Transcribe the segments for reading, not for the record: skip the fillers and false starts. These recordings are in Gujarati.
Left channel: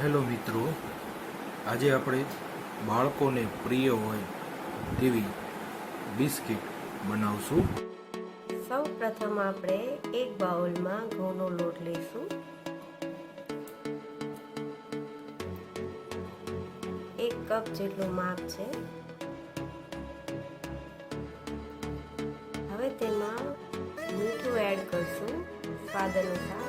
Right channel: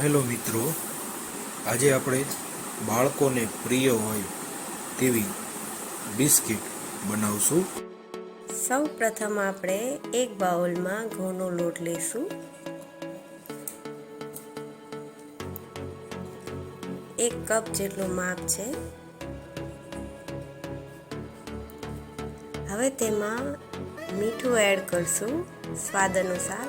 હેલો મિત્રો, આજે આપણે બાળકોને પ્રિય હોય તેવી બિસ્કિટ બનાવશું. સૌ પ્રથમ આપણે એક બાઉલમાં ઘઉંનો લોટ લઈશું. 1 કપ જેટલું માપ છે. હવે તેમાં મીઠું એડ કરશું સ્વાદ અનુસાર.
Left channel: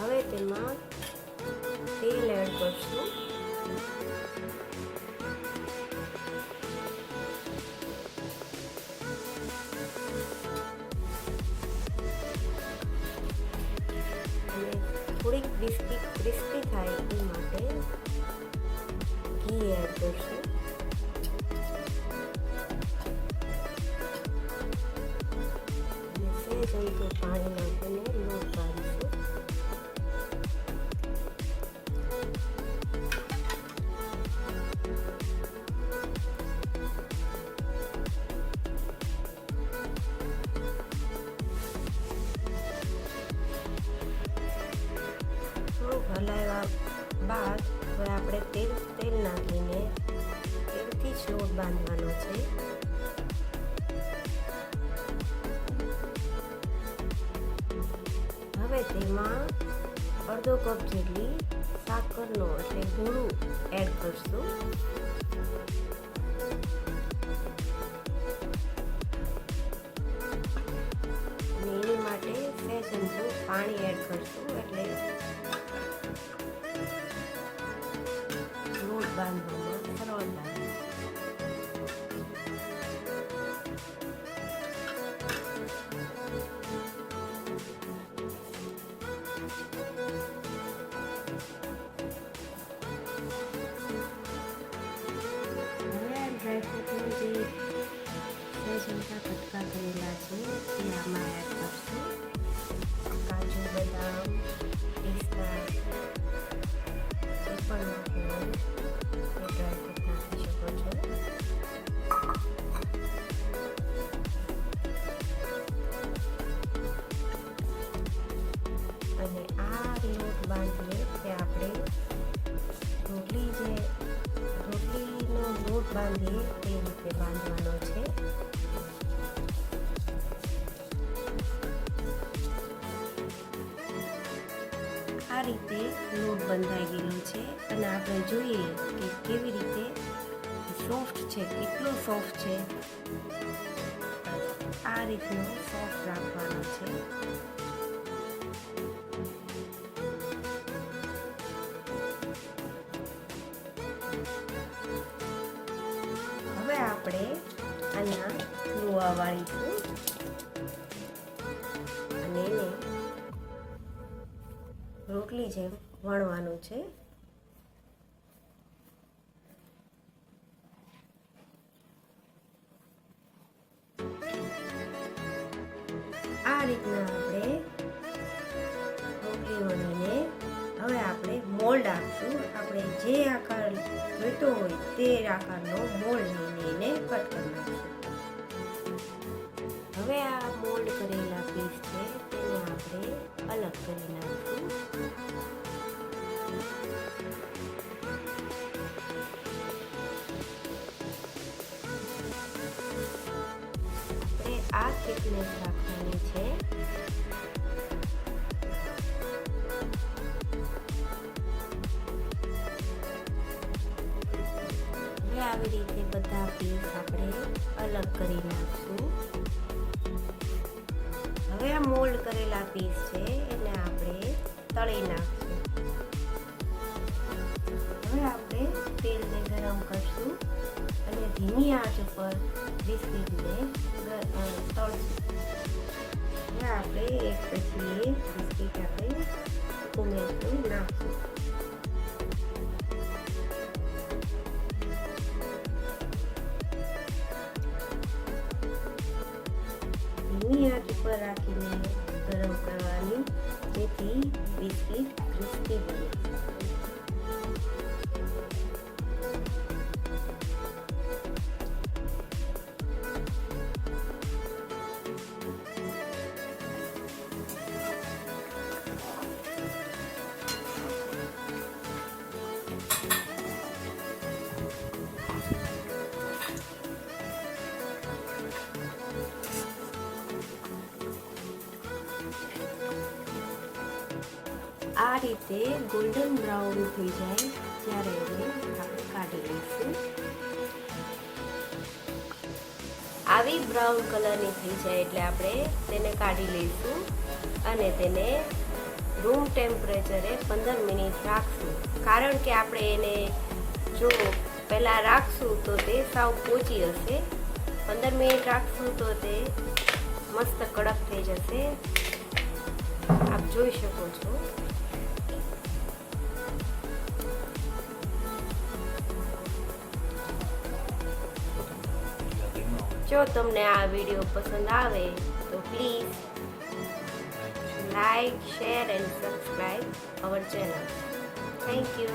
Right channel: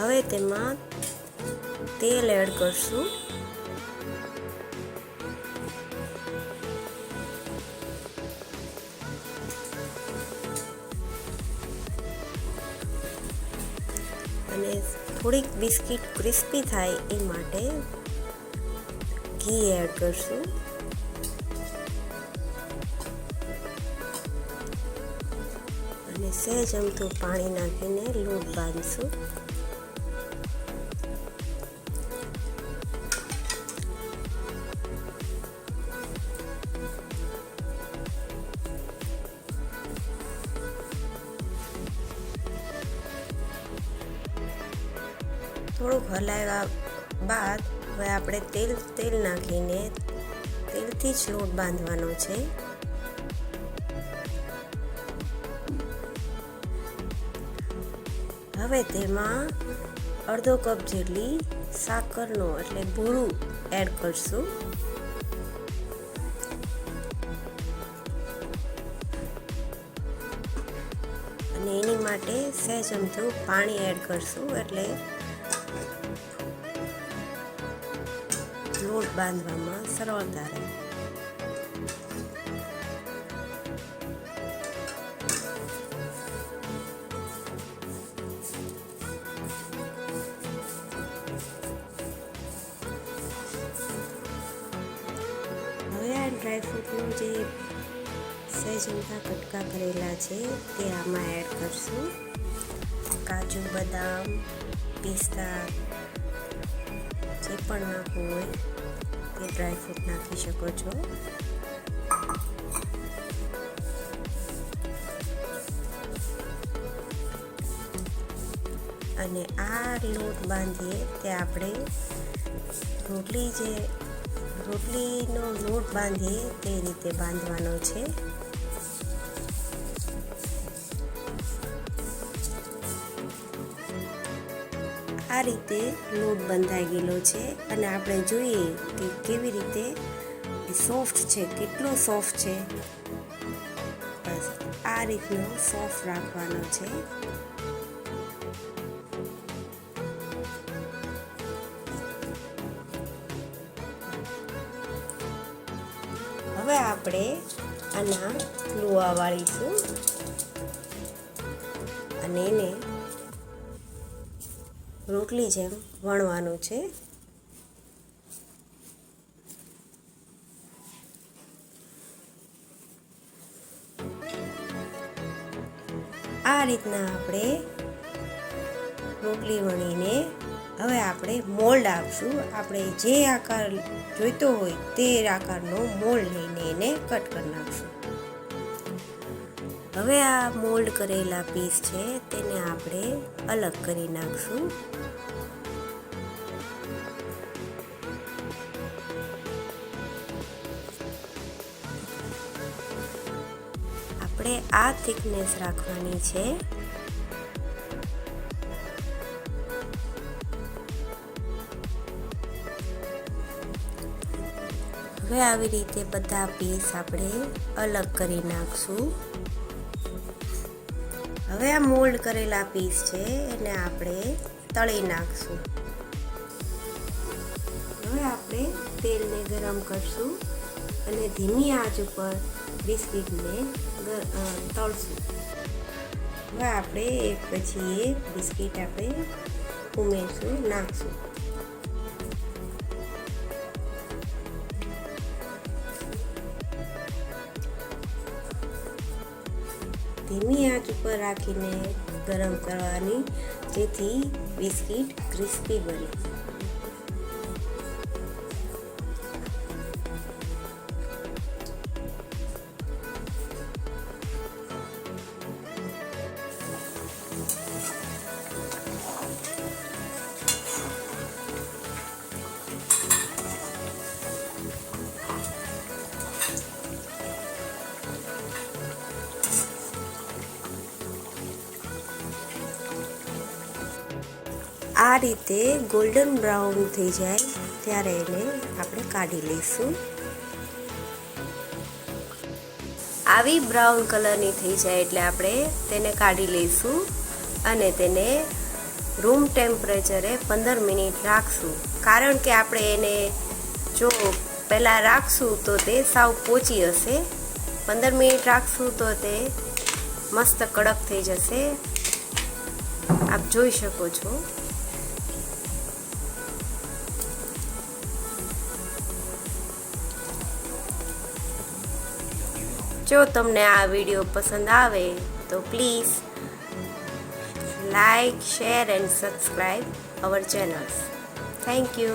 હવે તેમાં તેલ એડ કરશું. અને થોડીક બિસ્કિટ ક્રિસ્પી થાય એ માટે ઘી એડ કરશું. અને સહેજ અમથું પાણી નાખીને લોટ બાંધીશું. થોડુંક હલાવ્યા બાદ હવે આપણે તેલ નાખીને તેલથી જ લોટ બાંધવાનો છે. હવે તેમાં અડધો કપ જેટલી સાકરનો એટલે ભૂરું એડ કરશું. અને એની માટે સહેજ અમથું પાણી એડ કરશું એટલે લોટ બાંધવામાં સરળતા રહે. હવે આ ડ્રાયફ્રૂટનું જે સહેજ અમથા કટકા કરેલા છે તે આમાં એડ કરશું. કાજુ, બદામ, પિસ્તા જે પણ નાખવું હોય તે ડ્રાયફ્રૂટ નાખી શકો છો. અને આ લોટ બાંધીએ તે આપણે રોટલીનો લોટ બાંધીએ તે રીતે બાંધવાનો છે. આ રીતે લોટ બંધાઈ ગયેલો છે અને આપણે જોઈએ કે કેવી રીતે સોફ્ટ છે, કેટલો સોફ્ટ છે. બસ આ રીતનો સોફ્ટ રાખવાનો છે. હવે આપણે આના લુવા વાળીશું અને એને રોટલી જેમ વણવાનું છે. આ રીતના આપણે રોટલી વણીને હવે આપણે મોલ્ડ આપશું. આપણે જે આકાર જોઈતો હોય તે આકારનો મોલ્ડ લઈને એને કટ કરી નાખશું. હવે આ મોલ્ડ કરેલા પીસ છે તેને આપણે અલગ કરી નાખશું. આપણે આ થિકનેસ રાખવાની છે. હવે આવી રીતે બધા પીસ આપણે અલગ કરી નાખશું. હવે આ મોલ્ડ કરેલા પીસ છે એને આપણે તળી નાખશું. હવે આપણે તેલને ગરમ કરશું અને ધીમી આંચ ઉપર બિસ્કિટને તળશું. હવે આપણે એક પછી એક બિસ્કિટ આપણે ઉમેરશું, નાખશું. ધીમી આંચ ઉપર રાખીને ગરમ કરવાની, જેથી બિસ્કિટ ક્રિસ્પી બને. આ રીતે ગોલ્ડન બ્રાઉન થઈ જાય ત્યારે એને આપણે કાઢી લઈશું. આવી બ્રાઉન કલરની થઈ જાય એટલે આપણે તેને કાઢી લઈશું અને તેને રૂમ ટેમ્પરેચરે 15 મિનિટ રાખશું. કારણ કે આપણે એને જો પહેલાં રાખશું તો તે સાવ પોચી હશે. 15 મિનિટ રાખશું તો તે મસ્ત કડક થઈ જશે. આપ જોઈ શકો છો. જો તમને આ વિડીયો પસંદ આવે તો please like, share and subscribe hour channels. Thank you.